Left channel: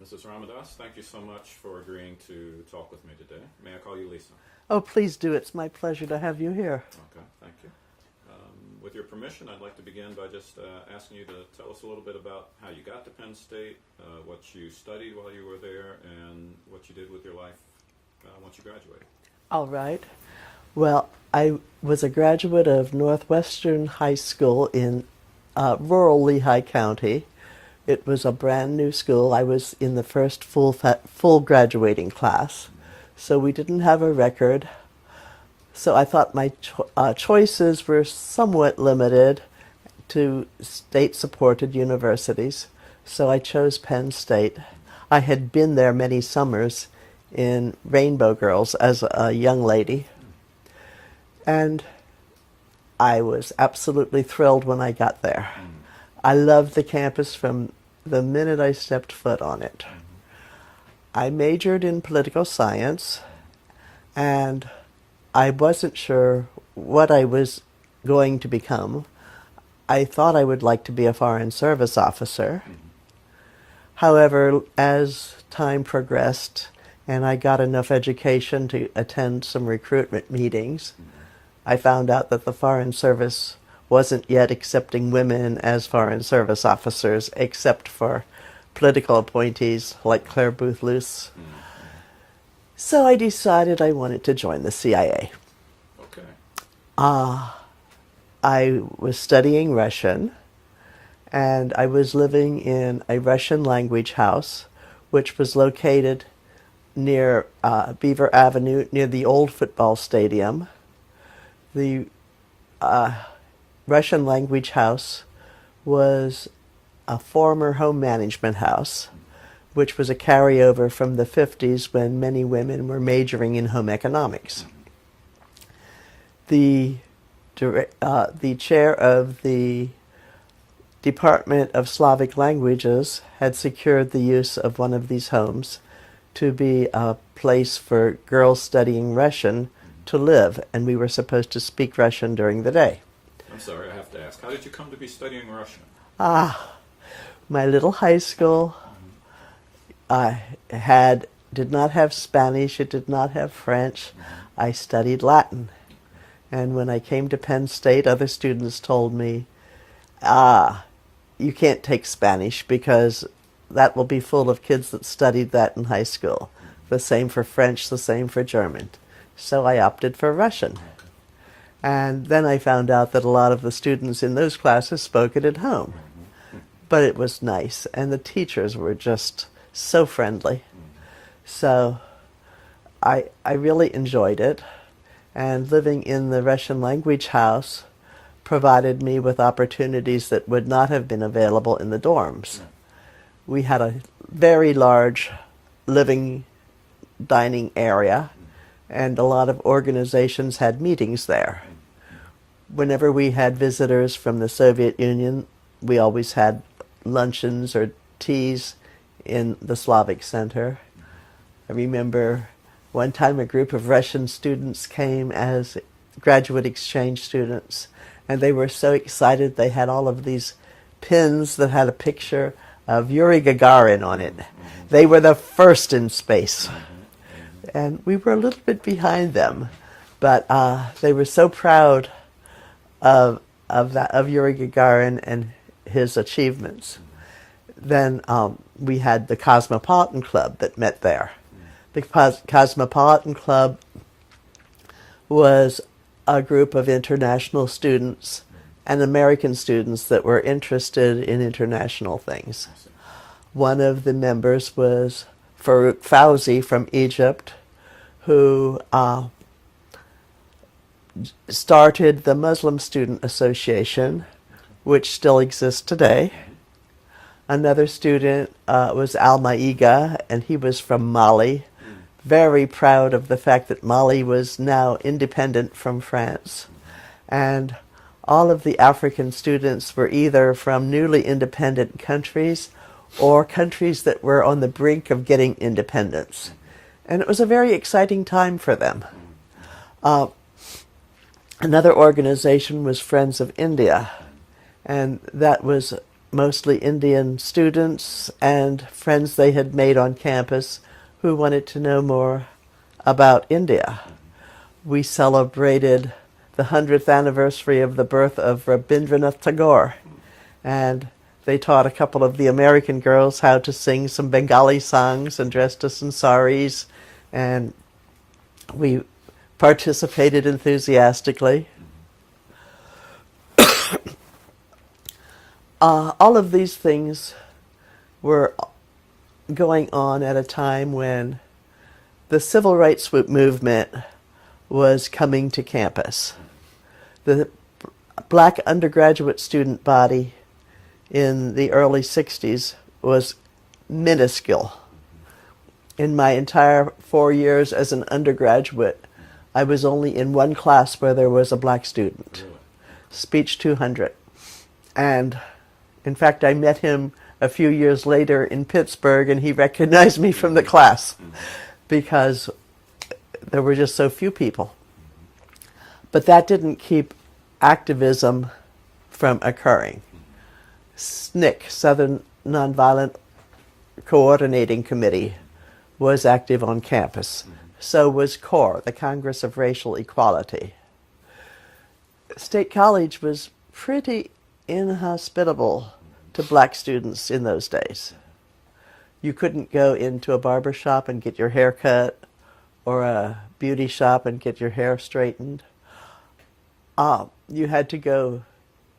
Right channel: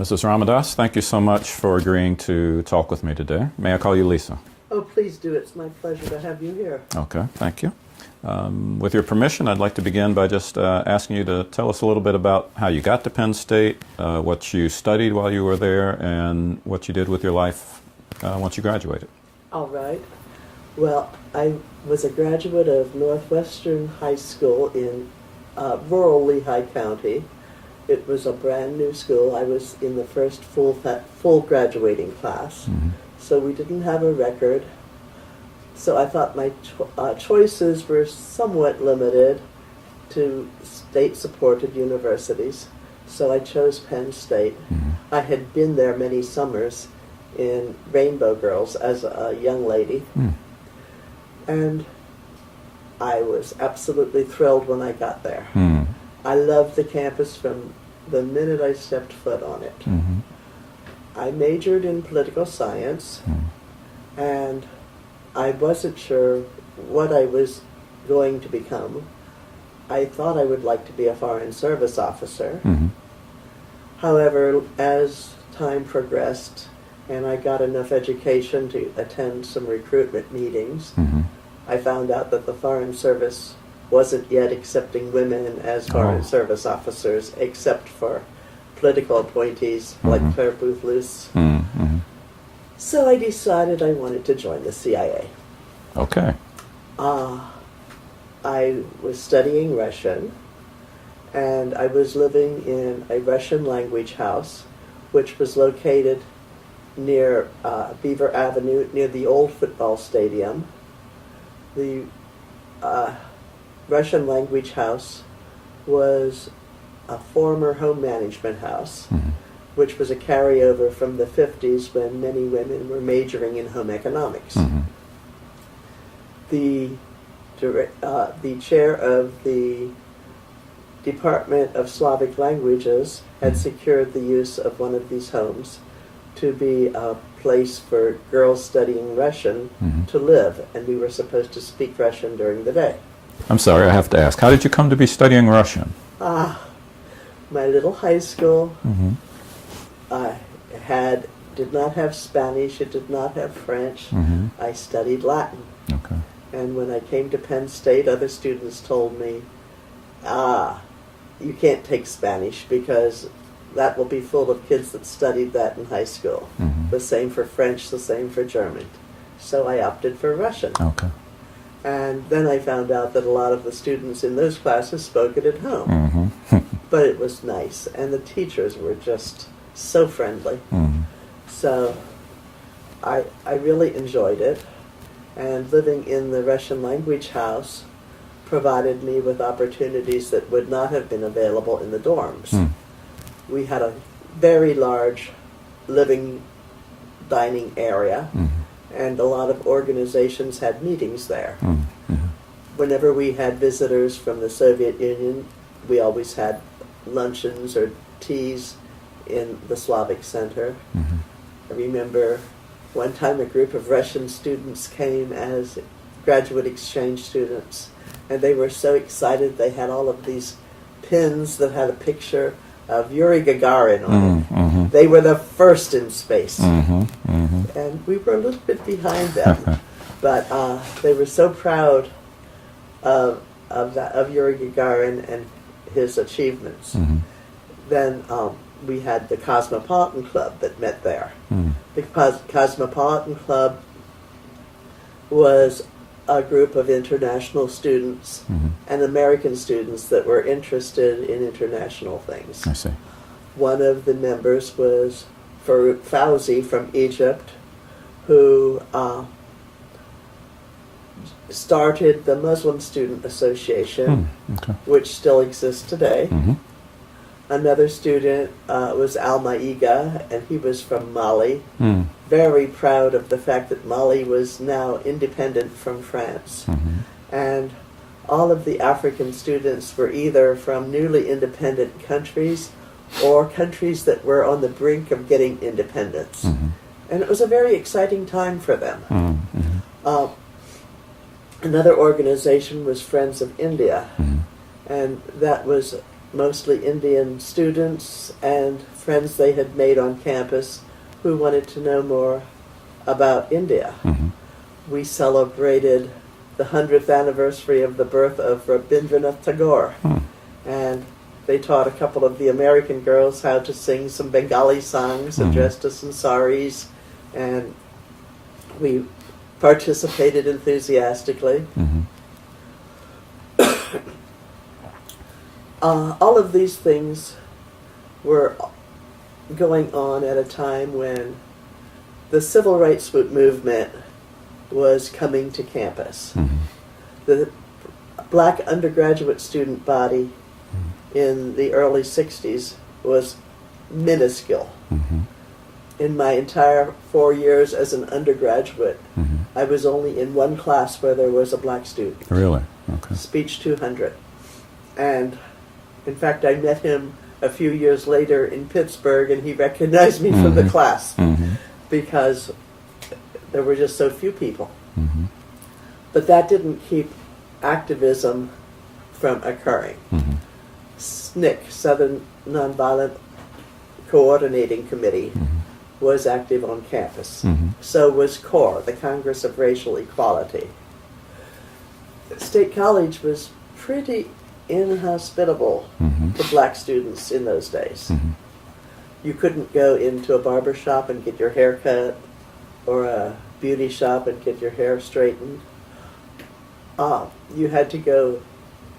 Mrs. Ramadass, thank you so much for agreeing to talk with me today. May I call you Lisa? Oh, please do. It's my pleasure to have you here. Okay, thank you. With your permission, I'd like to begin by just asking you to tell us a little bit about how you got to Penn State, what you studied while you were there, and what you did with your life once you graduated. All right. Well, I was a graduate of Northwestern High School in rural Lehigh County. It was a brand new school. I was in the first full graduating class, so we didn't have a record. So I thought my choices were somewhat limited to state-supported universities, so I chose Penn State. I had been there many summers in Rainbow Girls as a young lady, and I was absolutely thrilled when I got there. I loved the campus from the minute I stepped foot on it. I majored in political science, and I wasn't sure what I was going to become. I thought I would like to be a Foreign Service officer. However, as time progressed and I got enough education to attend some recruitment meetings, I found out that the Foreign Service wasn't yet accepting women as Foreign Service officers, except for political appointees like Claire Booth Luce. So I decided I wanted to join the CIA. Okay. I was studying Russian, and I was living in a Russian language house, which was located near Beaver Avenue, near the old football stadium. The Russian language house was a former home management house, which was a carryover from the 50s when many women were majoring in home economics. The chair of the Department of Slavic Languages had secured the use of one of these homes to be a place for girls studying Russian to live, and we were supposed to speak Russian during the day. I'm sorry, I have to ask, how did you come to be studying Russian? My little high school did not have Spanish, it did not have French. I studied Latin. Okay. And when I came to Penn State, other students told me, you can't take Spanish because that will be full of kids that studied that in high school. The same for French, the same for German. So I opted for Russian. Okay. And then I found out that a lot of the students in those classes spoke it at home. But it was nice, and the teachers were just so friendly. So I really enjoyed it, and living in the Russian language house provided me with opportunities that would not have been available in the dorms. We had a very large living, dining area, and a lot of organizations had meetings there. Whenever we had visitors from the Soviet Union, we always had luncheons or teas in the Slavic Center. I remember one time a group of Russian students came as graduate exchange students, and they were so excited they had all of these pins that had a picture of Yuri Gagarin on it. They were the first in space. And we were a little bit behind them. But they were so proud of Yuri Gagarin and his achievements. Then we had the Cosmopolitan Club that met there. The Cosmopolitan Club was a group of international students and American students that were interested in international things. I see. One of the members was Farouk Fauzi from Egypt, who started the Muslim Student Association, which still exists today. Another student was Al Maiga, and he was from Mali, very proud of the fact that Mali was now independent from France. And all of the African students were either from newly independent countries or countries that were on the brink of getting independence. And it was a very exciting time for them. Another organization was Friends of India, and that was mostly Indian students and friends they had made on campus who wanted to know more about India. Mm-hmm. We celebrated the 100th anniversary of the birth of Rabindranath Tagore, and they taught a couple of the American girls how to sing some Bengali songs and dressed us in saris, and we participated enthusiastically. Mm-hmm. All of these things were going on at a time when the civil rights movement was coming to campus. Mm-hmm. The black undergraduate student body in the early 60s was minuscule. Mm-hmm. In my entire 4 years as an undergraduate, Mm-hmm. I was only in one class where there was a black student. Really? Okay. Speech 200. And in fact, I met him a few years later in Pittsburgh, and he recognized me from the class Mm-hmm. because there were just so few people. Mm-hmm. But that didn't keep activism from occurring. Mm-hmm. SNCC, Southern Nonviolent Coordinating Committee, was active on campus. Mm-hmm. So was CORE, the Congress of Racial Equality. State College was pretty inhospitable to black students in those days. Mm-hmm. You couldn't go into a barber shop and get your hair cut, or a beauty shop and get your hair straightened. You had to go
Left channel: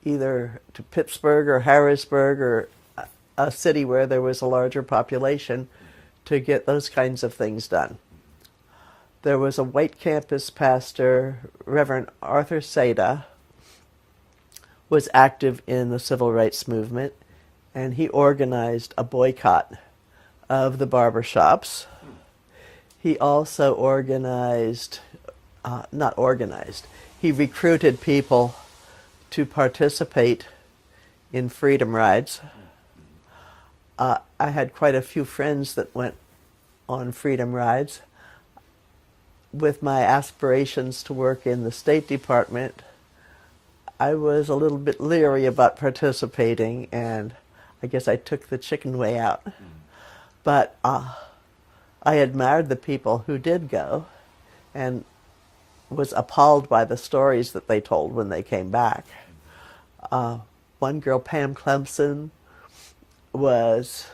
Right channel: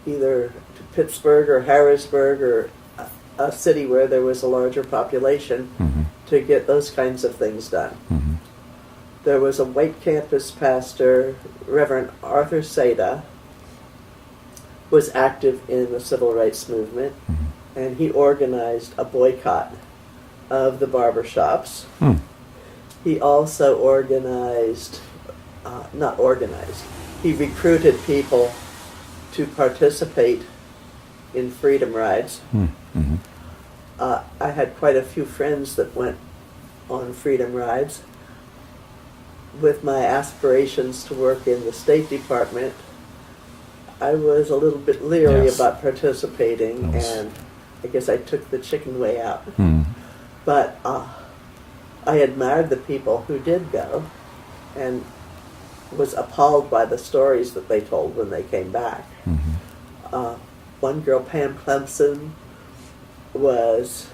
either to Pittsburgh or Harrisburg or a city where there was a larger population to get those kinds of things done. Mm-hmm. There was a white campus pastor, Reverend Arthur Seda, was active in the civil rights movement, and he organized a boycott of the barber shops. Mm. He also he recruited people to participate in freedom rides. Mm-hmm. I had quite a few friends that went on freedom rides. With my aspirations to work in the State Department, I was a little bit leery Yes. about participating, Yes. and I guess I took the chicken way out. Mm. But I admired the people who did go and was appalled by the stories that they told when they came back. Mm-hmm. One girl, Pam Clemson, was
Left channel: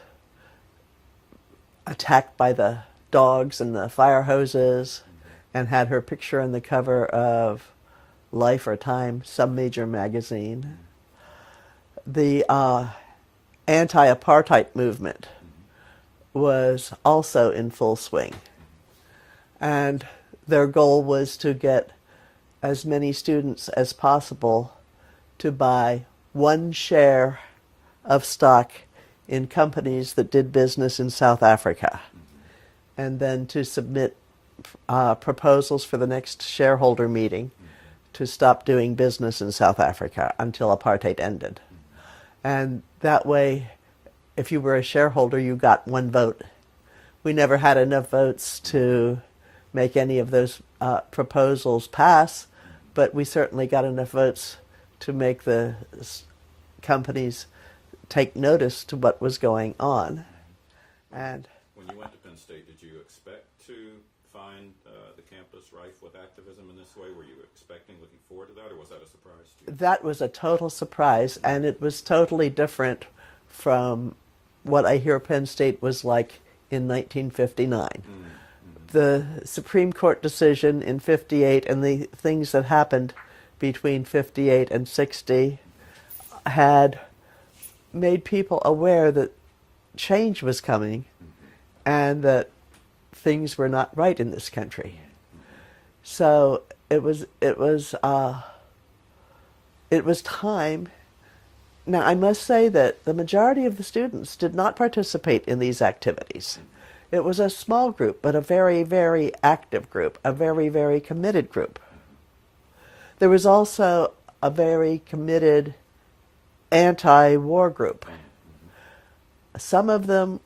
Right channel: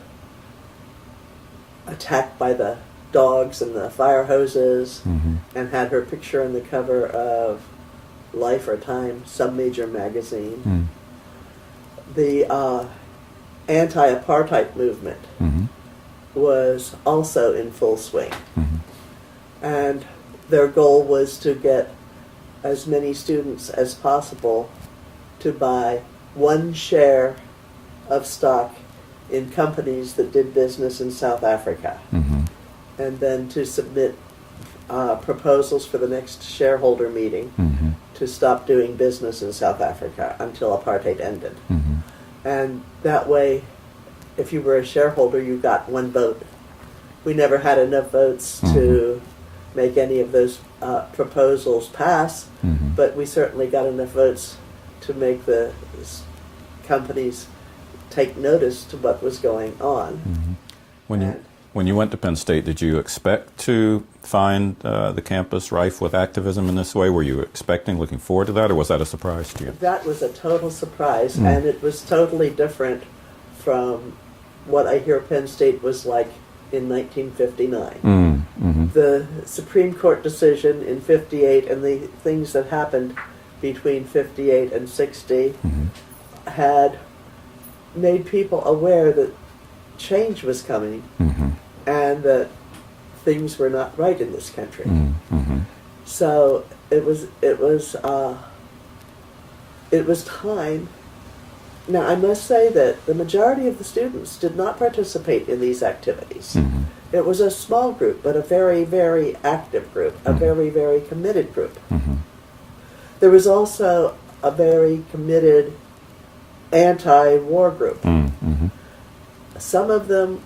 attacked by the dogs and the fire hoses Mm-hmm. and had her picture on the cover of Life or Time, some major magazine. Mm. The anti-apartheid movement Mm-hmm. was also in full swing. Mm-hmm. And their goal was to get as many students as possible to buy one share of stock in companies that did business in South Africa, Mm-hmm. and then to submit proposals for the next shareholder meeting Mm-hmm. to stop doing business in South Africa until apartheid ended. Mm-hmm. And that way, if you were a shareholder, you got one vote. We never had enough votes to make any of those proposals pass, Mm-hmm. but we certainly got enough votes to make the companies take notice to what was going on. Mm-hmm. When And when you went to Penn State, did you expect to find the campus rife with activism in this way? Were you expecting, looking forward to that, or was that a surprise to you? that was a total surprise, and it was totally different from what I hear Penn State was like in 1959. Mm-hmm. The Supreme Court decision in 58 and the things that happened between 58 and 60 had made people aware that change was coming Mm-hmm. and that things were not right in this country. Mm-hmm. So it was time. Now, I must say that the majority of the students did not participate in these activities. Mm-hmm. It was a small group, but a very, very active group, a very, very committed group. Mm-hmm. There was also a very committed anti-war group. Mm-hmm. Some of them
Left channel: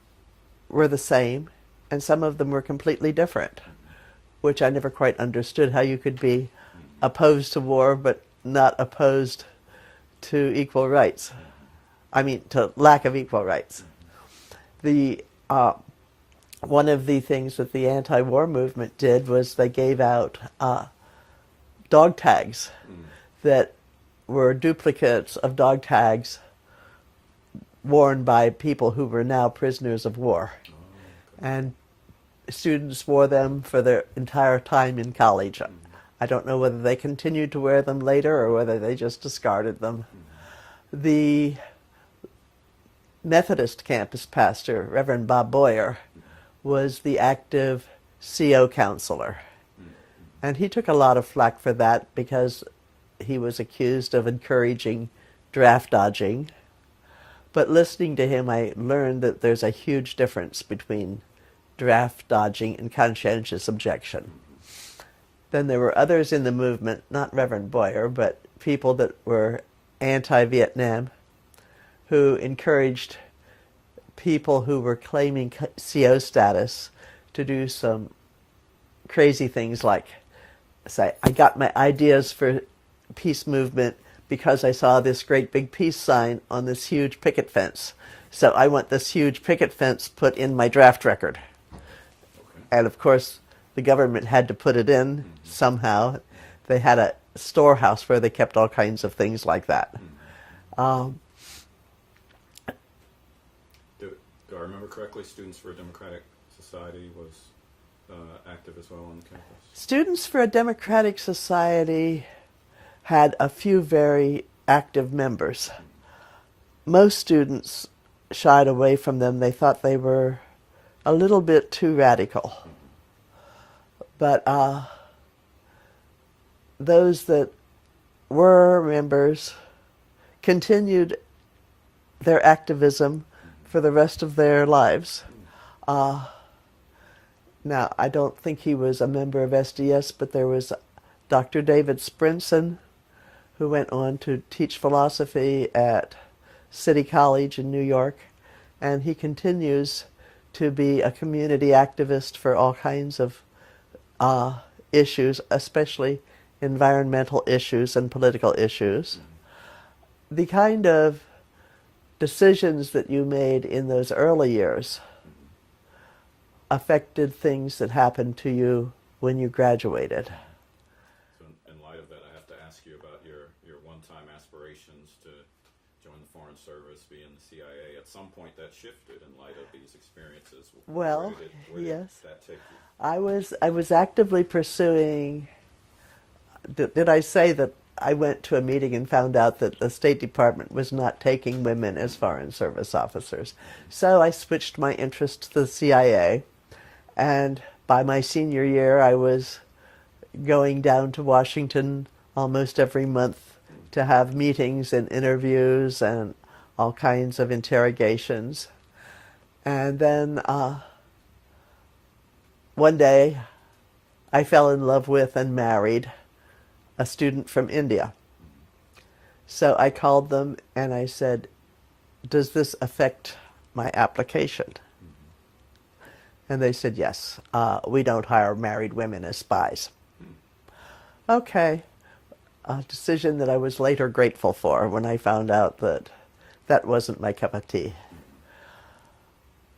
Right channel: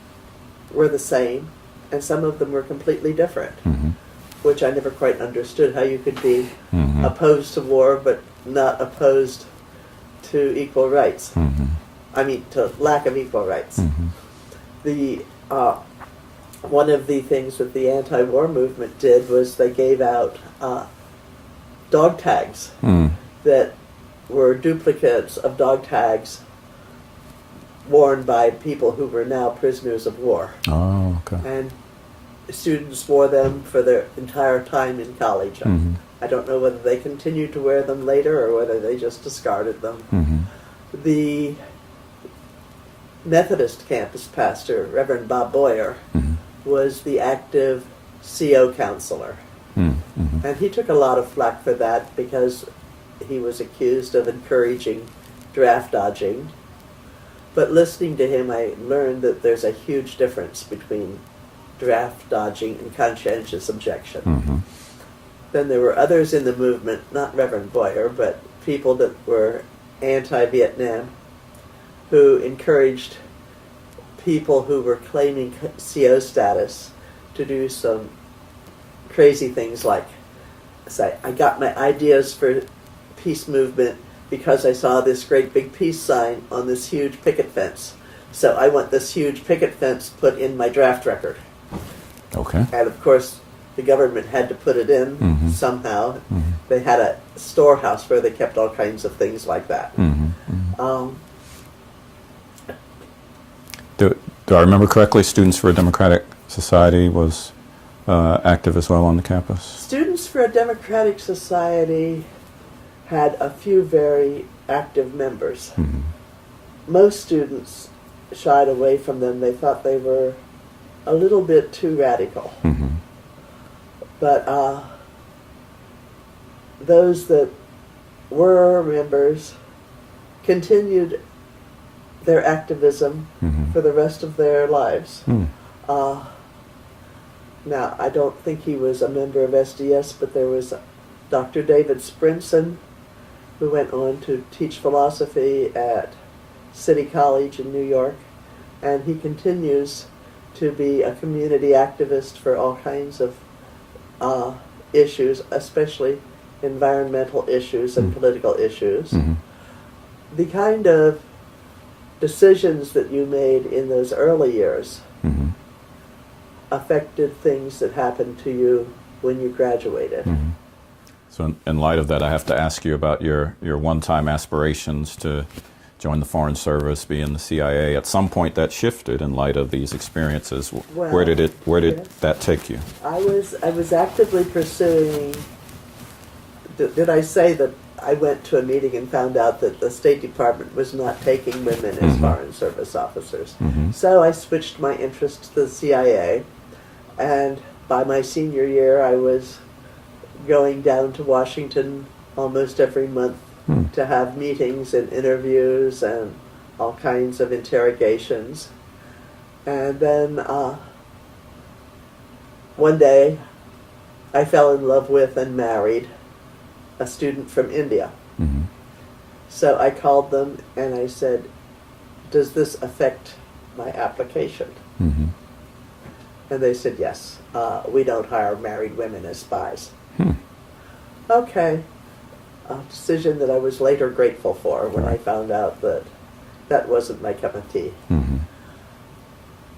were the same, and some of them were completely different, Mm-hmm. which I never quite understood how you could be Mm-hmm. opposed to war but not opposed to equal rights. Mm-hmm. to lack of equal rights. Mm-hmm. The one of the things that the anti-war movement did was they gave out dog tags Mm. that were duplicates of dog tags worn by people who were now prisoners of war. Oh, okay. And students wore them for their entire time in college. Mm-hmm. I don't know whether they continued to wear them later or whether they just discarded them. Mm-hmm. The Methodist campus pastor, Reverend Bob Boyer, Mm-hmm. was the active CO counselor. Mm-hmm. And he took a lot of flack for that because he was accused of encouraging draft dodging. But listening to him, I learned that there's a huge difference between draft dodging and conscientious objection. Mm-hmm. Then there were others in the movement, not Reverend Boyer, but people that were anti-Vietnam, who encouraged people who were claiming CO status to do some crazy things like say, I got my ideas for peace movement because I saw this great big peace sign on this huge picket fence. So I want this huge picket fence put in my draft record. Okay. And of course, the government had to put it in Mhm. somehow. Mhm. They had a storehouse where they kept all kinds of things like that. Mm-hmm. Mm-hmm. Do I remember correctly? Students for a Democratic Society was active as well on the campus. Students for a Democratic Society had a few very active members. Mm-hmm. Most students shied away from them. They thought they were a little bit too radical. Mm-hmm. But those that were members continued their activism Mm-hmm. for the rest of their lives. Mm. Now, I don't think he was a member of SDS, but there was Dr. David Sprinson, who went on to teach philosophy at City College in New York, and he continues to be a community activist for all kinds of issues, especially environmental issues and political issues. Mm-hmm. The kind of decisions that you made in those early years Mm-hmm. affected things that happened to you when you graduated. Mm-hmm. So in light of that, I have to ask you about your one-time aspirations to join the Foreign Service, be in the CIA. At some point that shifted in light of these experiences. Well, where did yes. that take you? I was actively pursuing. Did I say that I went to a meeting and found out that the State Department was not taking women as Mhm. Foreign Service officers? Mm-hmm. So I switched my interest to the CIA, and by my senior year, I was going down to Washington almost every month Hmm. to have meetings and interviews and all kinds of interrogations. And then one day, I fell in love with and married a student from India. Mm-hmm. So I called them and I said, does this affect my application? Mm-hmm. And they said, yes, we don't hire married women as spies. Hmm. Okay. A decision that I was later grateful for when I Right. found out that that wasn't my cup of tea. Mm-hmm.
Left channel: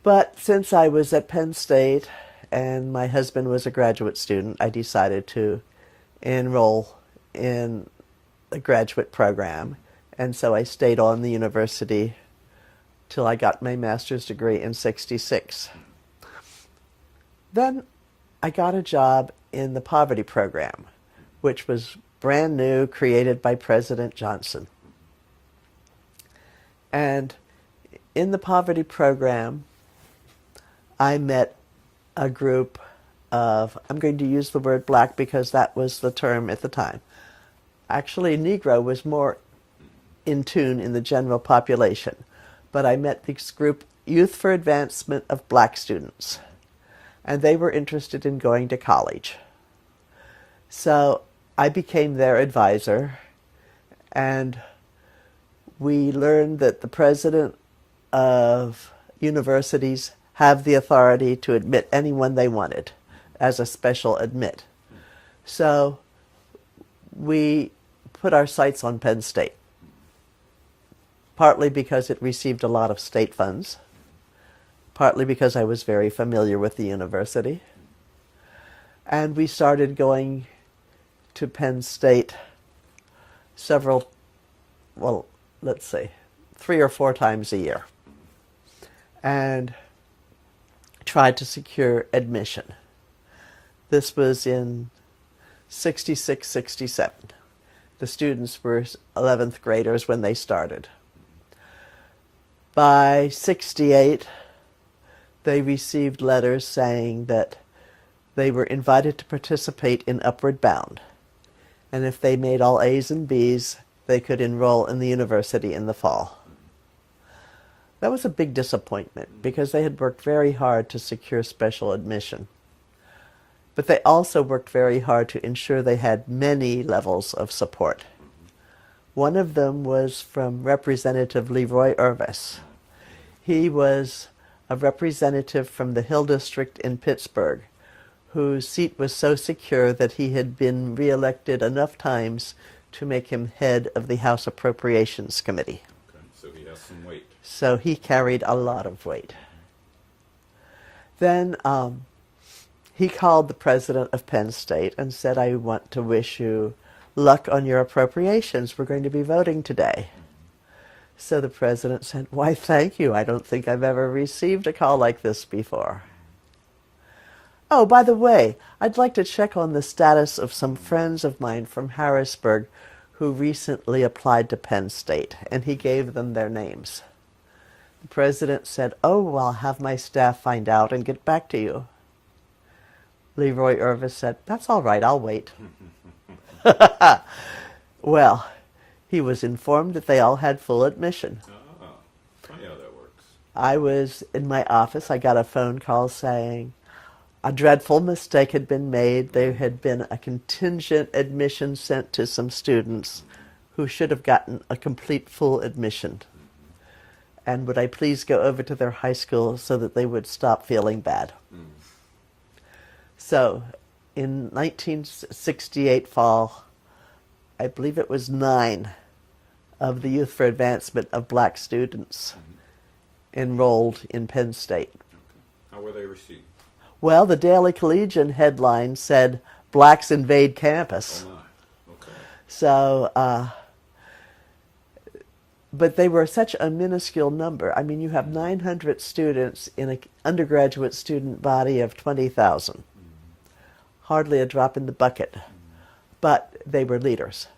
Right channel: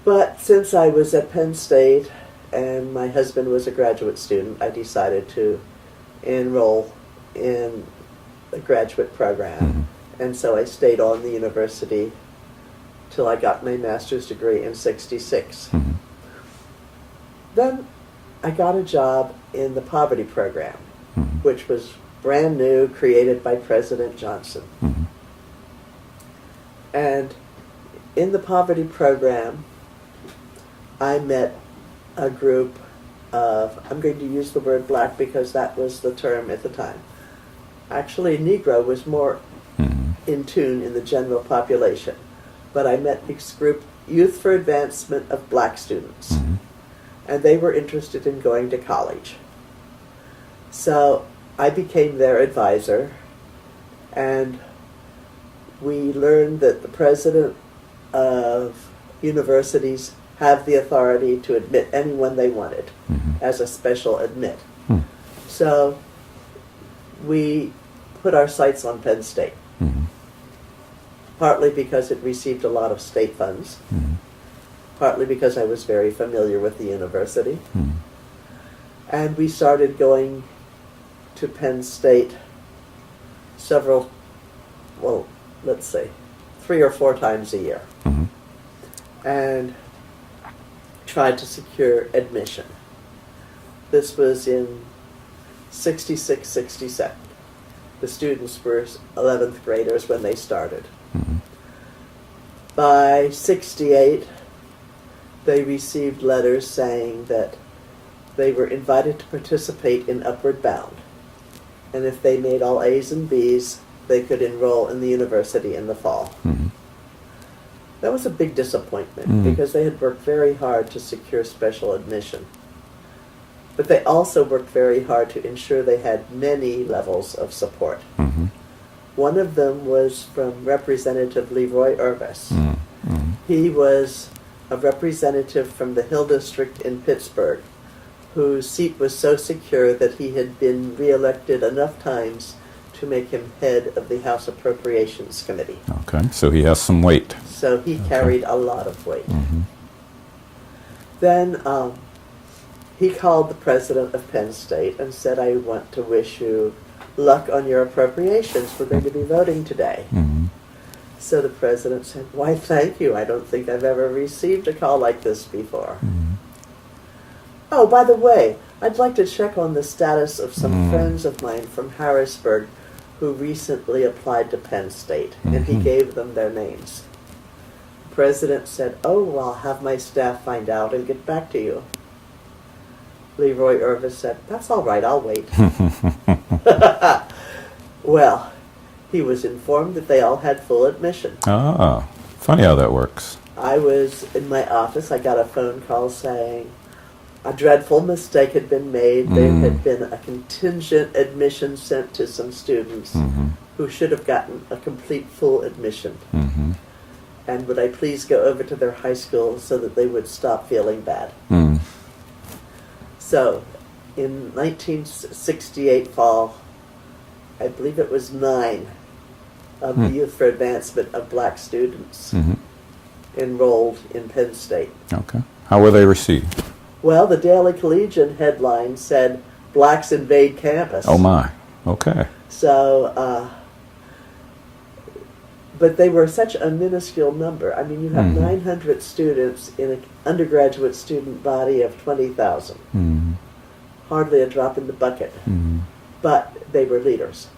But since I was at Penn State and my husband was a graduate student, I decided to enroll in the graduate program. Mhm. And so I stayed on the university till I got my master's degree in '66. Mm-hmm. Then I got a job in the poverty program, Mm-hmm. which was brand new, created by President Johnson. Mm-hmm. And in the poverty program, I met a group of, I'm going to use the word black because that was the term at the time. Actually, Negro was more Mm-hmm. in tune in the general population. But I met this group, Youth for Advancement of Black Students. Mm-hmm. And they were interested in going to college. So I became their advisor, and we learned that the president of universities have the authority to admit anyone they wanted Mm-hmm. as a special admit. Hmm. So we put our sights on Penn State. Mm-hmm. partly because it received a lot of state funds, partly because I was very familiar with the university. And we started going to Penn State several, well, let's say, 3 or 4 times a year, and tried to secure admission. This was in 66, 67. The students were 11th graders when they started. By 68, they received letters saying that they were invited to participate in Upward Bound. And if they made all A's and B's, they could enroll in the university in the fall. That was a big disappointment because they had worked very hard to secure special admission. But they also worked very hard to ensure they had many levels of support. One of them was from Representative Leroy Urvis. He was a representative from the Hill District in Pittsburgh, whose seat was so secure that he had been reelected enough times to make him head of the House Appropriations Committee. Okay, so he has some weight. So he carried a lot of weight. Then he called the president of Penn State and said, I want to wish you luck on your appropriations. We're going to be voting today. So the president said, why, thank you. I don't think I've ever received a call like this before. Oh, by the way, I'd like to check on the status of some friends of mine from Harrisburg who recently applied to Penn State, and he gave them their names. The president said, oh, well, I'll have my staff find out and get back to you. Leroy Urvis said, that's all right, I'll wait. Well, he was informed that they all had full admission. Ah, funny how that works. I was in my office. I got a phone call saying a dreadful mistake had been made. There had been a contingent admission sent to some students who should have gotten a complete full admission. And would I please go over to their high school so that they would stop feeling bad? So, in 1968 fall, I believe it was 9 of the Youth for Advancement of Black students enrolled in Penn State. Okay. How were they received? Well, the Daily Collegian headline said, Blacks invade campus. Oh my, okay. So, but they were such a minuscule number. I mean, you have 900 students in an undergraduate student body of 20,000. Hardly a drop in the bucket. But they were leaders.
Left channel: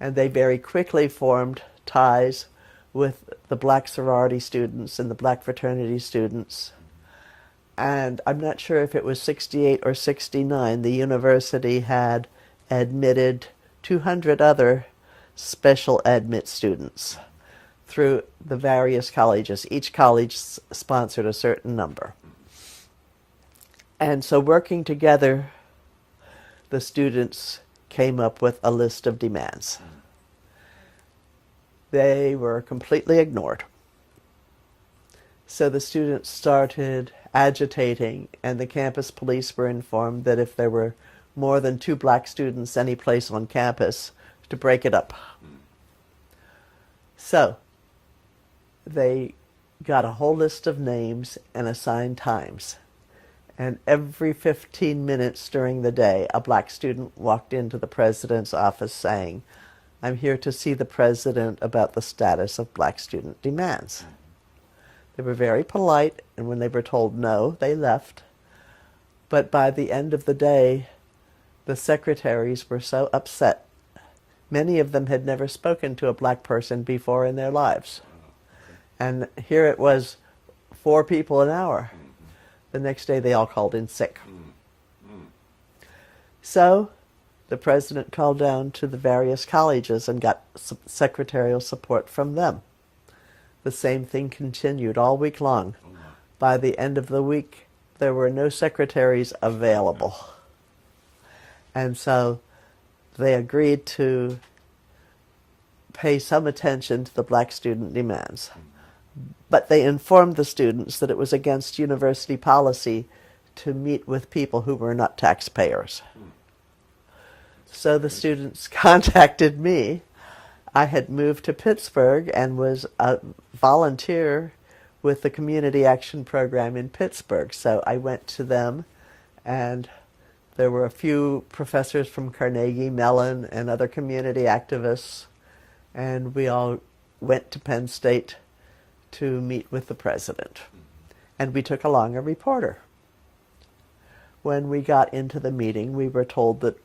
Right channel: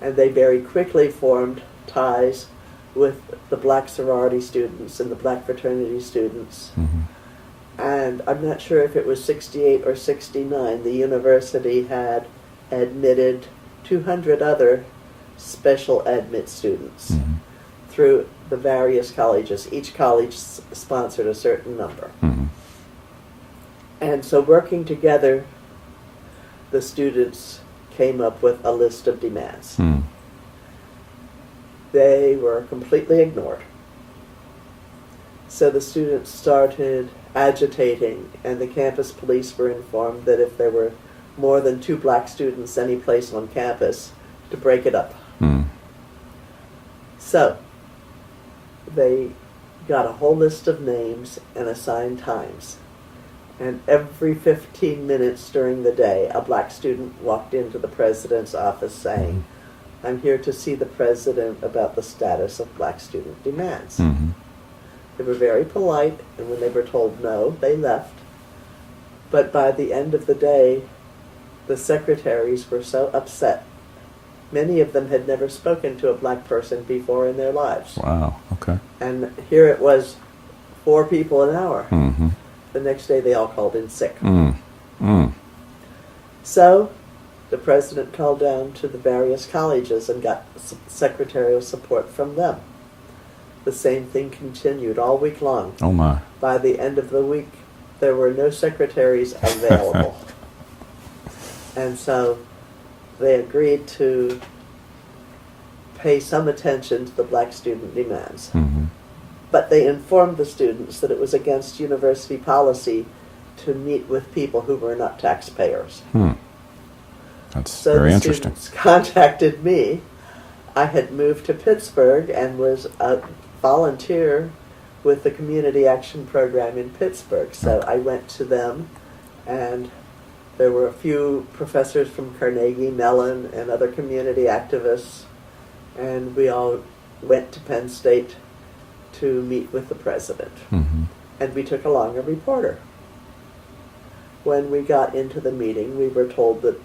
And they very quickly formed ties with the black sorority students and the black fraternity students. And I'm not sure if it was 68 or 69, the university had admitted 200 other special admit students through the various colleges. Each college sponsored a certain number. And so working together, the students came up with a list of demands. They were completely ignored. So the students started agitating, and the campus police were informed that if there were more than 2 black students any place on campus, to break it up. So they got a whole list of names and assigned times. And every 15 minutes during the day, a black student walked into the president's office saying, I'm here to see the president about the status of black student demands. They were very polite, and when they were told no, they left. But by the end of the day, the secretaries were so upset. Many of them had never spoken to a black person before in their lives. Wow, okay. And here it was 4 people an hour. The next day they all called in sick. So the president called down to the various colleges and got secretarial support from them. The same thing continued all week long. Oh my. By the end of the week, there were no secretaries available. And so they agreed to pay some attention to the black student demands. But they informed the students that it was against university policy to meet with people who were not taxpayers. That's So very the interesting. students contacted me I had moved to Pittsburgh and was a volunteer with the Community Action Program in Pittsburgh. So I went to them, and there were a few professors from Carnegie Mellon and other community activists, and we all went to Penn State to meet with the president. Mm-hmm. And we took along a reporter. When we got into the meeting, we were told that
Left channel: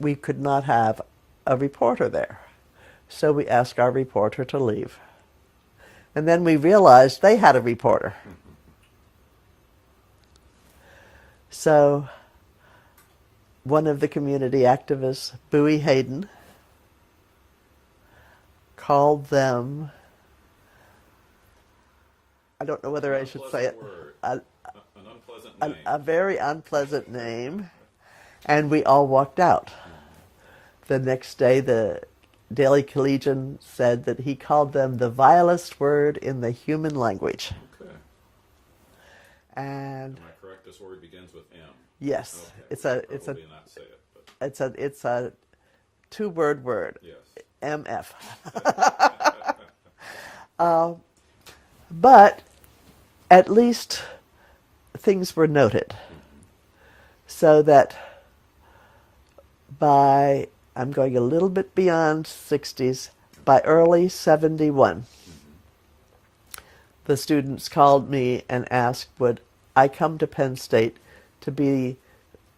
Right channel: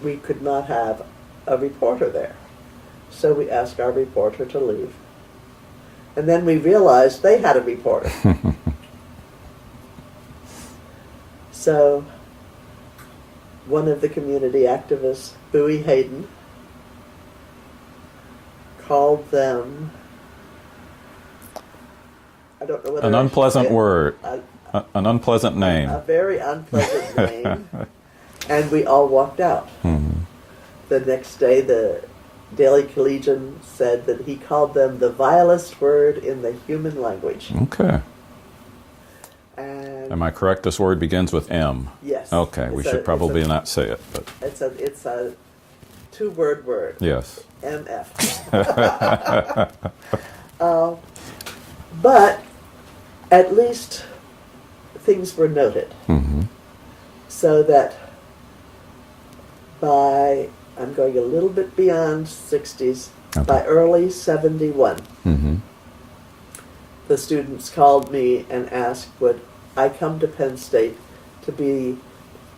we could not have a reporter there. So we asked our reporter to leave. And then we realized they had a reporter. So one of the community activists, Bowie Hayden, called them, I don't know whether An I should unpleasant say it, word. An unpleasant name. a very unpleasant name, and we all walked out. Mm-hmm. The next day, the Daily Collegian said that he called them the vilest word in the human language. Okay. And Am I correct? This word begins with M. yes. Okay, we should probably not say it, but It's a two-word word. yes. MF. But at least things were noted. Mm-hmm. So that by, I'm going a little bit beyond 60s, Okay. by early 71, Mm-hmm. the students called me and asked, would I come to Penn State to be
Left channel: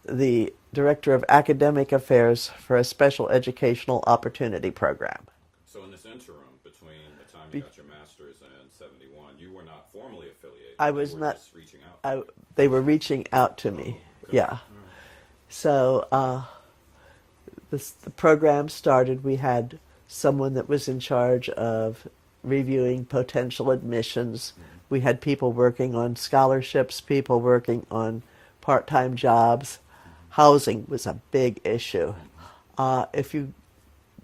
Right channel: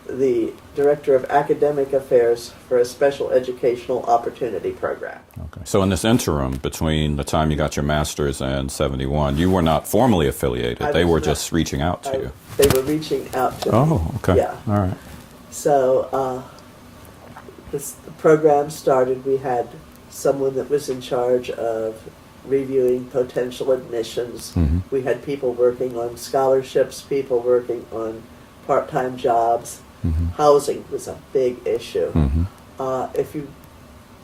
the director of academic affairs for a special educational opportunity program. Okay. So in this interim, between the time you got your master's and 71, you were not formally affiliated. They were just reaching out to you. They were reaching out to me. Oh, okay. Yeah. All right. So the program started. We had someone that was in charge of reviewing potential admissions. Mm-hmm. We had people working on scholarships, people working on part-time jobs. Mm-hmm. Housing was a big issue. Mm-hmm. If you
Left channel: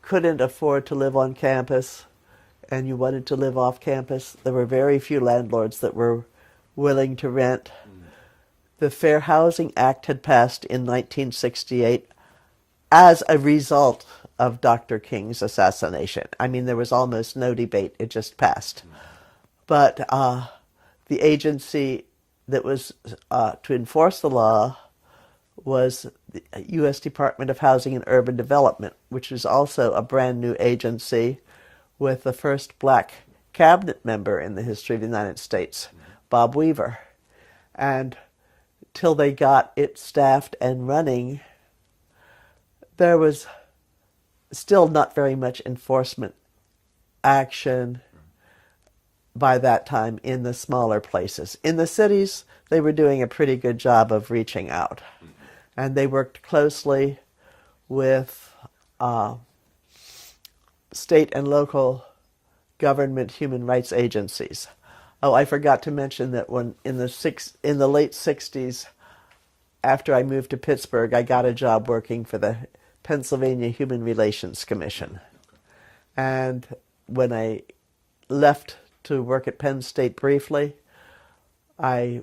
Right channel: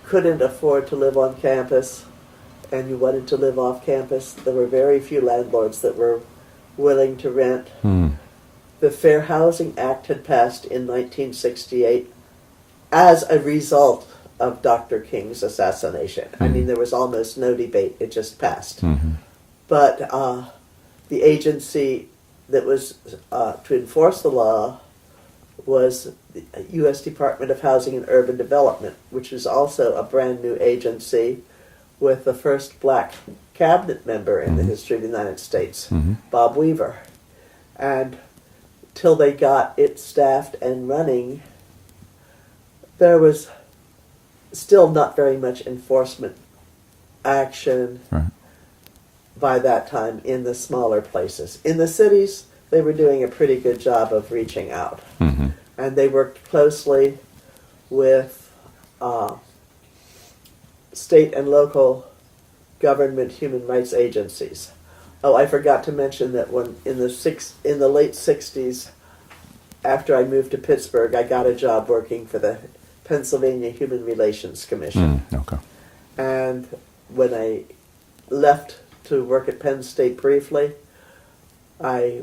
couldn't afford to live on campus and you wanted to live off campus, there were very few landlords that were willing to rent. Mm. The Fair Housing Act had passed in 1968 as a result of Dr. King's assassination. Mm-hmm. I mean, there was almost no debate. It just passed. Mm-hmm. But the agency that was to enforce the law was the U.S. Department of Housing and Urban Development, which was also a brand new agency with the first black cabinet member in the history of the United States, Mm-hmm. Bob Weaver. And till they got it staffed and running, there was still not very much enforcement action Right. by that time in the smaller places. In the cities, they were doing a pretty good job of reaching out. Mm-hmm. And they worked closely with state and local government human rights agencies. Oh, I forgot to mention that when in the late 60s, after I moved to Pittsburgh, I got a job working for the Pennsylvania Human Relations Commission. Okay. And when I left to work at Penn State briefly, I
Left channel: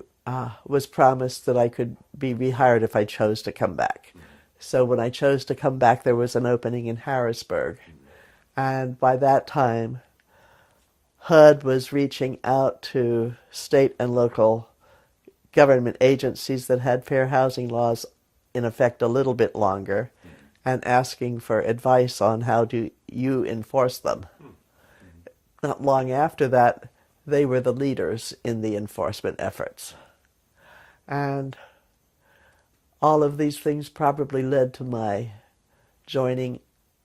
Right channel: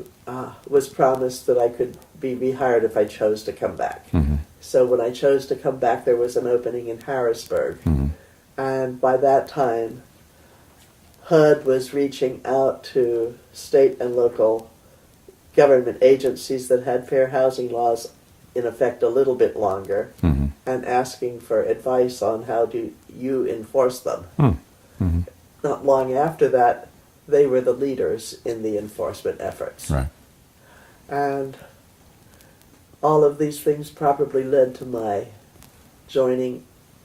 was promised that I could be rehired if I chose to come back. Mm-hmm. So when I chose to come back, there was an opening in Harrisburg. Mm-hmm. And by that time, HUD was reaching out to state and local government agencies that had fair housing laws in effect a little bit longer, Mm-hmm. and asking for advice on how do you enforce them. Mm-hmm. Not long after that, they were the leaders in the enforcement efforts. Right. And all of these things probably led to my joining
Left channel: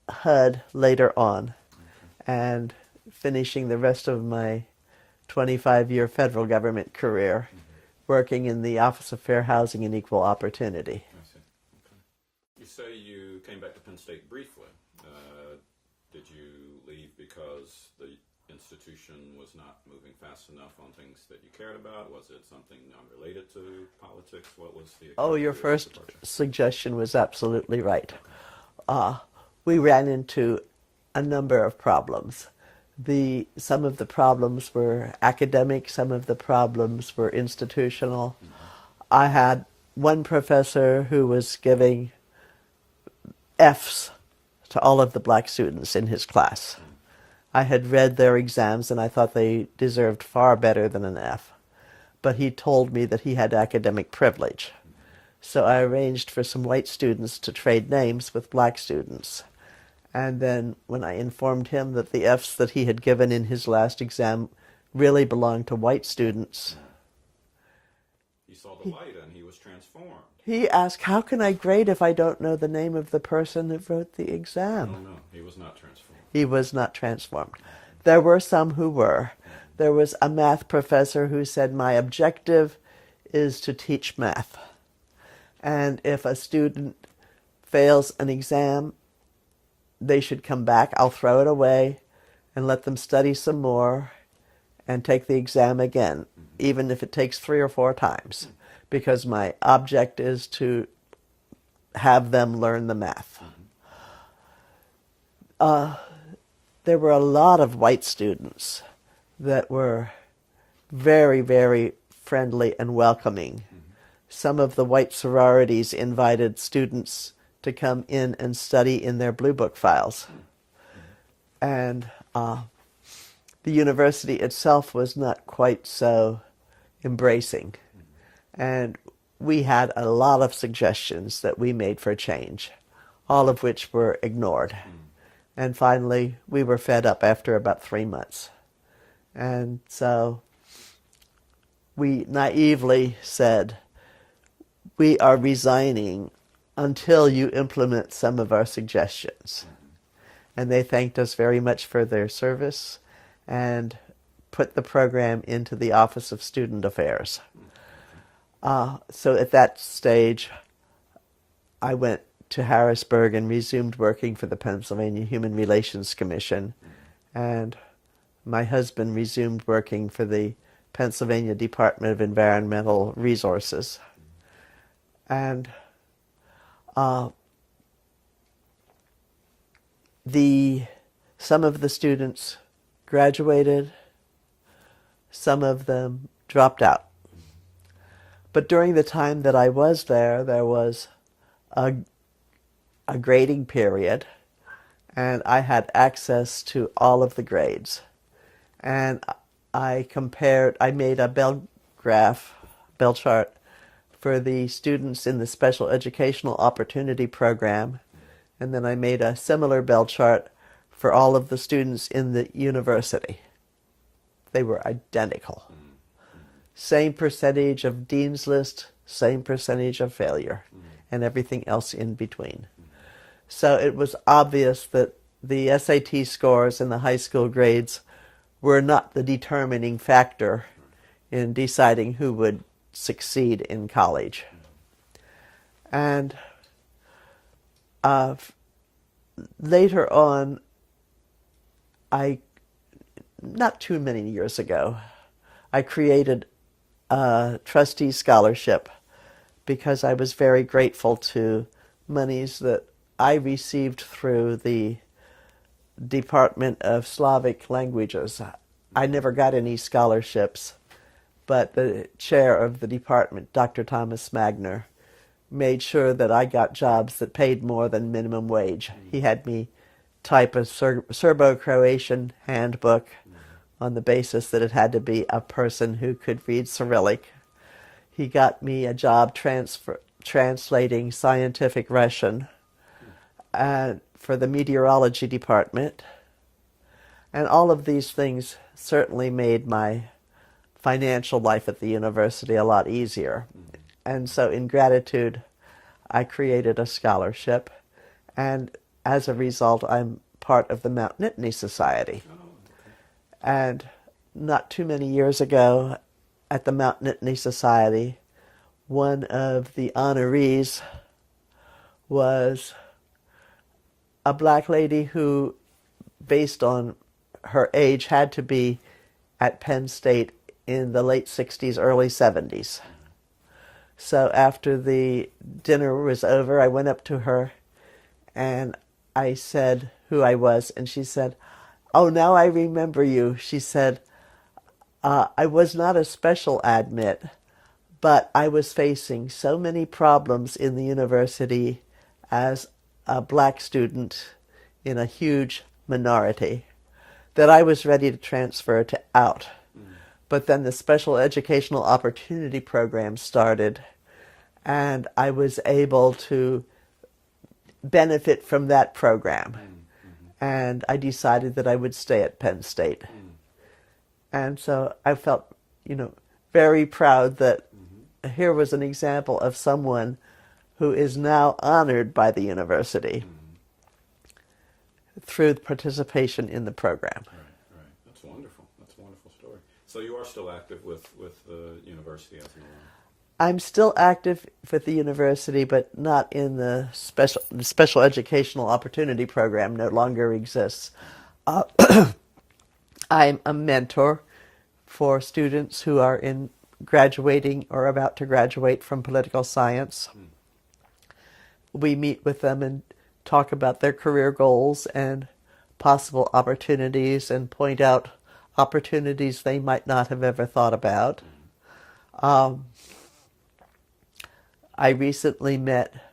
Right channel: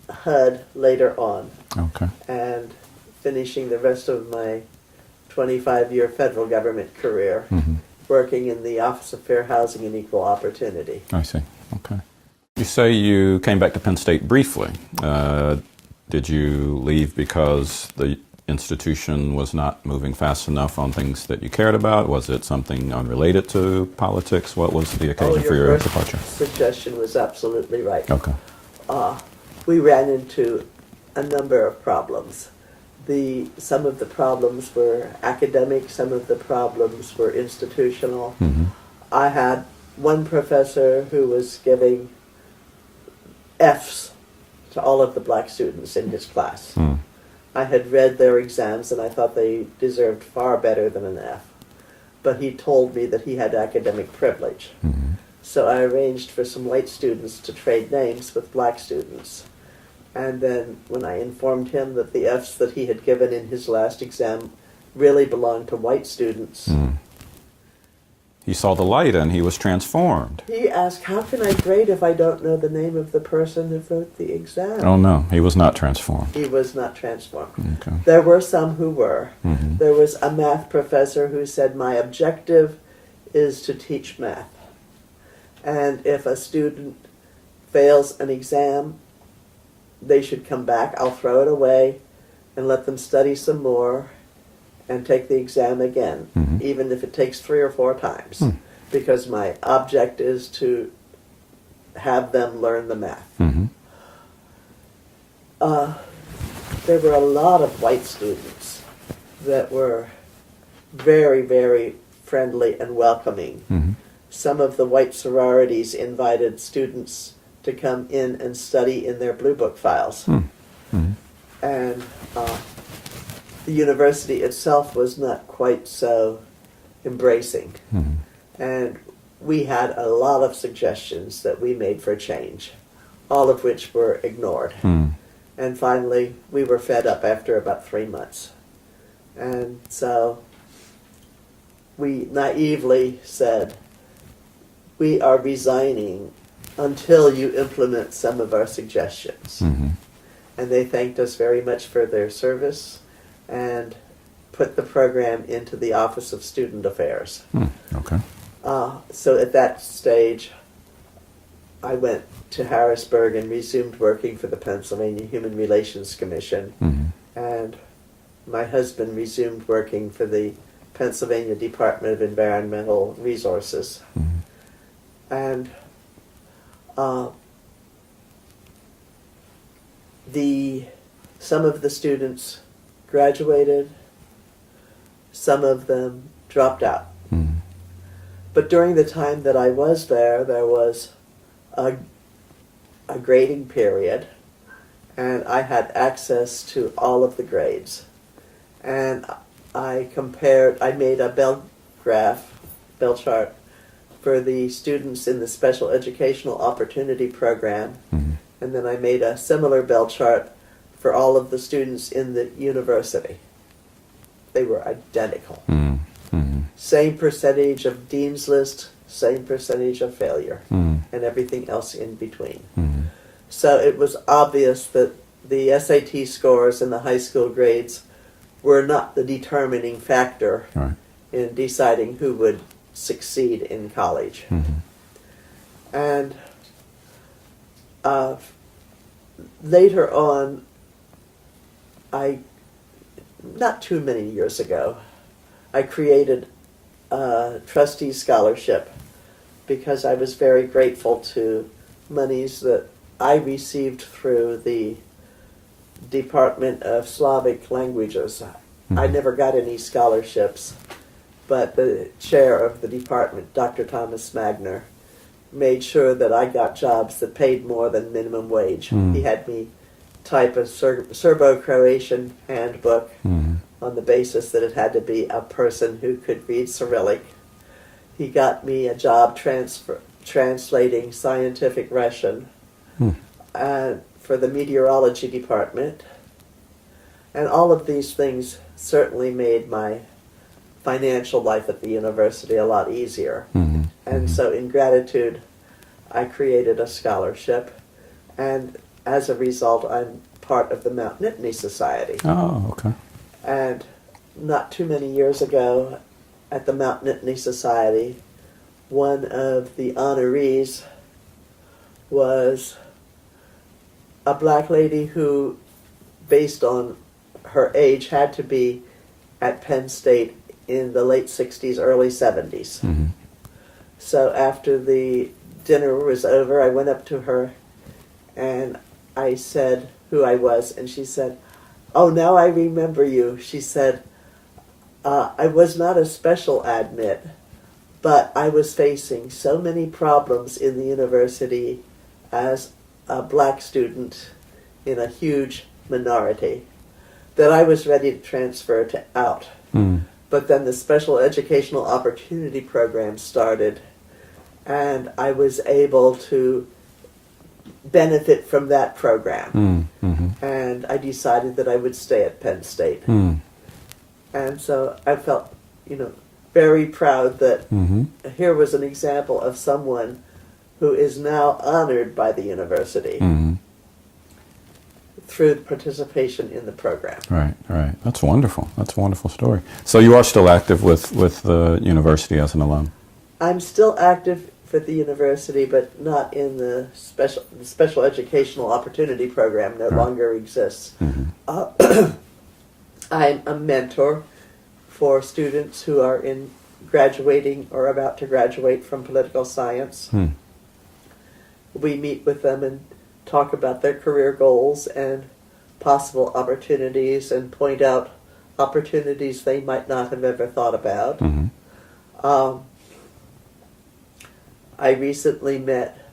HUD later on Okay. and finishing the rest of my 25-year federal government career Mm-hmm. working in the Office of Fair Housing and Equal Opportunity. I see. Okay. You say you came back to Penn State briefly. Did you leave because the institution was not moving fast enough on things that you cared about? Was it something unrelated to politics? What was the occasion for your first departure? suggestion was absolutely right. Okay. We ran into a number of problems. Some of the problems were academic, some of the problems were institutional. Mm-hmm. I had one professor who was giving F's to all of the black students in his class. Mm. I had read their exams and I thought they deserved far better than an F. But he told me that he had academic privilege. Mm-hmm. So I arranged for some white students to trade names with black students. And then when I informed him that the Fs that he had given in his last exam really belonged to white students, He saw the light and he was transformed. he asked, how can I grade if I don't know the name of the person who wrote the exam? Oh no, he was not transformed. He was not transformed. Okay. There were some who were. Mm-hmm. There was a math professor who said, my objective is to teach math. And if a student fails an exam, they should come back. I'll throw it away and let them study some more and take the exam again, even if it takes 3 or 4 times, because my object is to have them learn the math. Mm-hmm. There were a lot of white students that were very, very friendly and welcoming. Mm-hmm. Some of the white sororities invited students to come in and study in their Blue Book files. Mm-hmm. And the university itself was not quite so embracing. Mm-hmm. And we had a lot of suggestions that we made for change, all of which were ignored. Mm-hmm. And finally, we were fed up after about 3 months. And so we naively said, we are resigning until you implement some of our suggestions. Mm-hmm. And they thanked us very much for their service and put the program into the Office of Student Affairs. Okay. So at that stage, I went to Harrisburg and resumed working for the Pennsylvania Human Relations Commission. Mm-hmm. And my husband resumed working for the Pennsylvania Department of Environmental Resources. Mm-hmm. And some of the students graduated, some of them dropped out. Mm-hmm. But during the time that I was there was a grading period, and I had access to all of the grades. And I made a bell chart for the students in the Special Educational Opportunity Program, and then I made a similar bell chart for all of the students in the university. They were identical. Mm-hmm. Same percentage of Dean's List, same percentage of failure, and everything else in between. Mm-hmm. So it was obvious that the SAT scores and the high school grades were not the determining factor Right. in deciding who would succeed in college. Mm-hmm. And later on, not too many years ago, I created a trustee scholarship because I was very grateful to monies that I received through the Department of Slavic Languages. I never got any scholarships, but the chair of the department, Dr. Thomas Magner, made sure that I got jobs that paid more than minimum wage. He had me type a Serbo-Croatian handbook on the basis that it had to be a person who could read Cyrillic. He got me a job translating scientific Russian for the meteorology department. And all of these things certainly made my financial life at the university a lot easier. Mm-hmm. And so in gratitude, I created a scholarship, and as a result, I'm part of the Mount Nittany Society. Oh, okay. And not too many years ago, at the Mount Nittany Society, one of the honorees was a black lady who, based on her age, had to be at Penn State in the late 60s, early 70s. Mm-hmm. So after the dinner was over, I went up to her and I said who I was, and she said, "Oh, now I remember you." She said, "I was not a special admit, but I was facing so many problems in the university as a black student in a huge minority that I was ready to transfer to out. Mm. But then the Special Educational Opportunity Program started, and I was able to benefit from that program. And I decided that I would stay at Penn State. And so I felt, very proud that here was an example of someone who is now honored by the university through participation in the program. Right, right. That's wonderful. That's a wonderful story. So you are still active with the university as an alum? I'm still active with the university, but not in the special educational opportunity program. No longer exists. I'm a mentor for students who are graduating or about to graduate from political science. We meet with them and talk about their career goals and possible opportunities and point out opportunities they might not have ever thought about. I recently met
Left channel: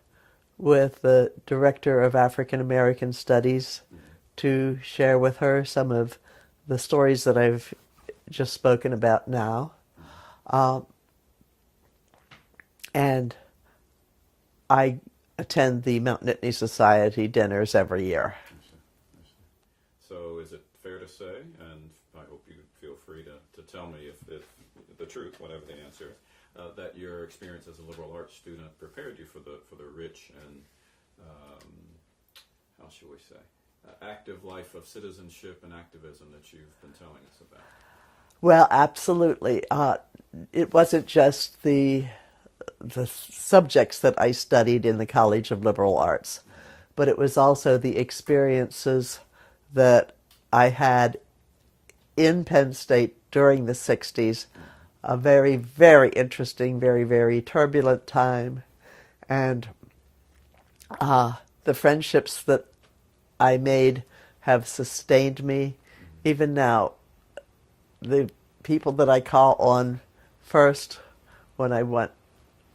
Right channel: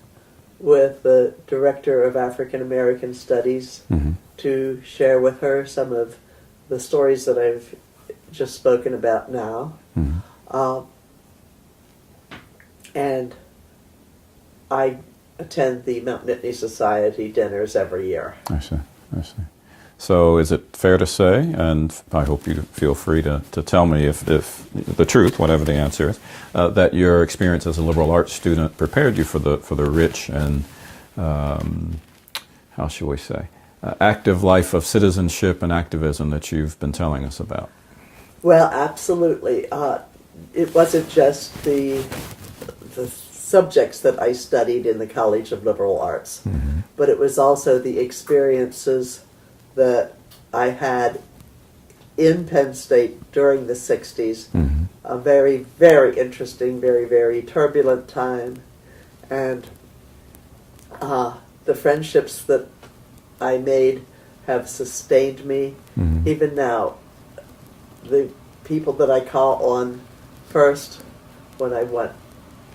with the director of African American Studies to share with her some of the stories that I've just spoken about now. And I attend the Mount Nittany Society dinners every year. I see. So is it fair to say, and I hope you feel free to tell me if the truth, whatever the answer is, that your experience as a liberal arts student prepared you for the rich and, how shall we say, active life of citizenship and activism that you've been telling us about? Well, absolutely. It wasn't just the subjects that I studied in the College of Liberal Arts, but it was also the experiences that I had in Penn State during the 60s, a very, very interesting, very, very turbulent time, and the friendships that I made have sustained me. Even now, the people that I call on first when I want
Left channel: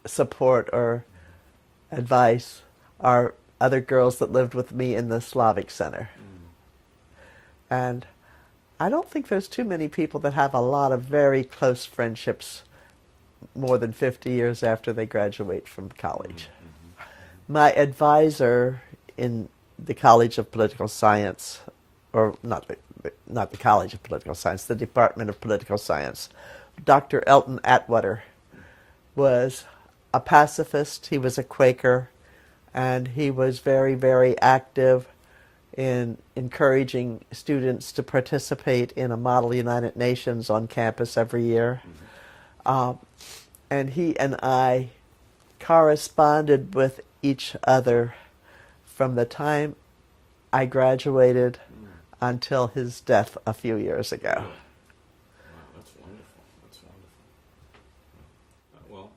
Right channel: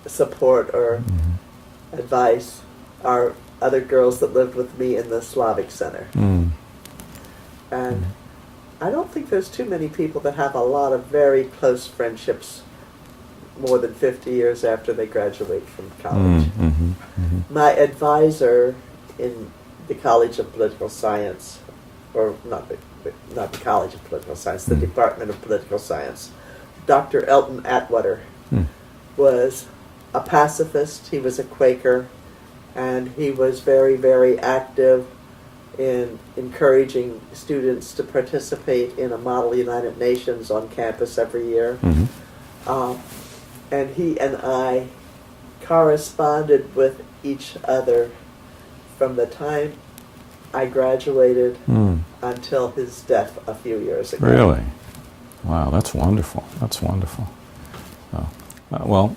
support or advice are other girls that lived with me in the Slavic Center. And I don't think there's too many people that have a lot of very close friendships more than 50 years after they graduate from college. My advisor in the College of Political Science, or not the College of Political Science, the Department of Political Science, Dr. Elton Atwater, was a pacifist. He was a Quaker, and he was very, very active in encouraging students to participate in a Model United Nations on campus every year. And he and I corresponded with each other from the time I graduated until his death a few years ago. Really? Wow, that's wonderful. That's wonderful. Well,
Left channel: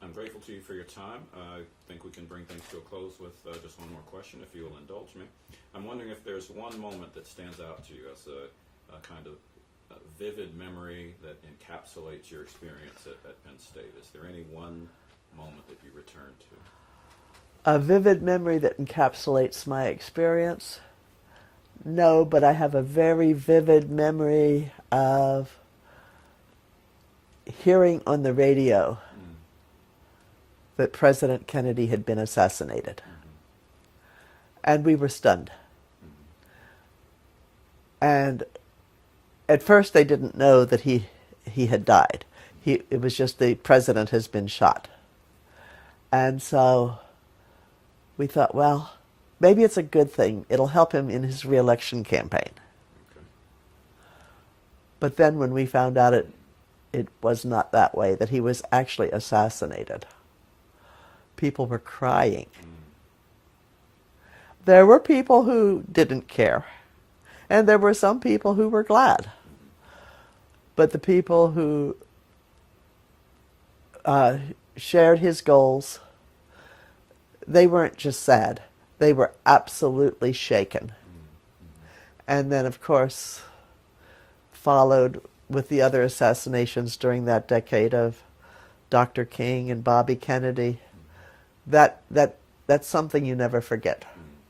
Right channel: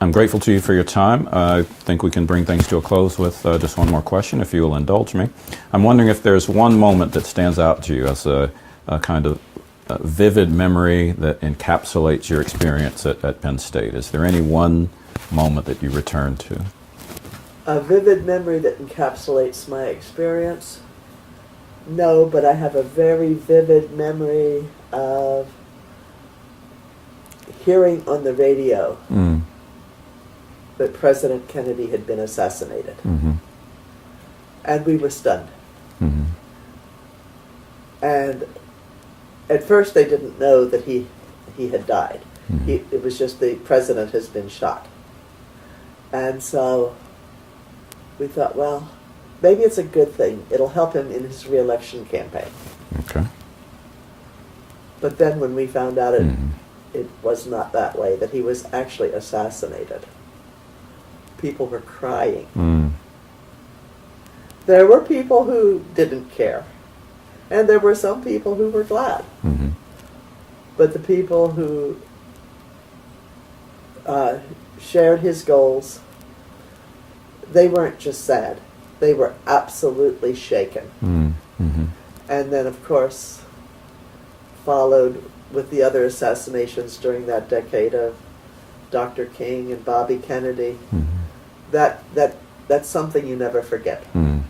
I'm grateful to you for your time. I think we can bring things to a close with just one more question, if you will indulge me. I'm wondering if there's one moment that stands out to you as a kind of vivid memory that encapsulates your experience at Penn State. Is there any one moment that you return to? A vivid memory that encapsulates my experience? No, but I have a very vivid memory of hearing on the radio that President Kennedy had been assassinated. And we were stunned. And at first they didn't know that he had died. It was just the president has been shot. And so we thought, well, maybe it's a good thing. It'll help him in his re-election campaign. Okay. But then when we found out it was not that way, that he was actually assassinated, people were crying. There were people who didn't care, and there were some people who were glad. But the people who shared his goals, they weren't just sad, they were absolutely shaken. And then, of course, followed with the other assassinations during that decade of Dr. King and Bobby Kennedy. That's something you never forget. Yeah.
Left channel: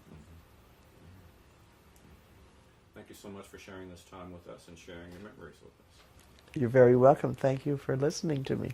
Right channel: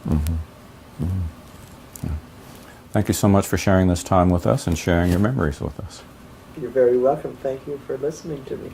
Thank you so much for sharing this time with us and sharing your memories with us. You're very welcome. Thank you for listening to me.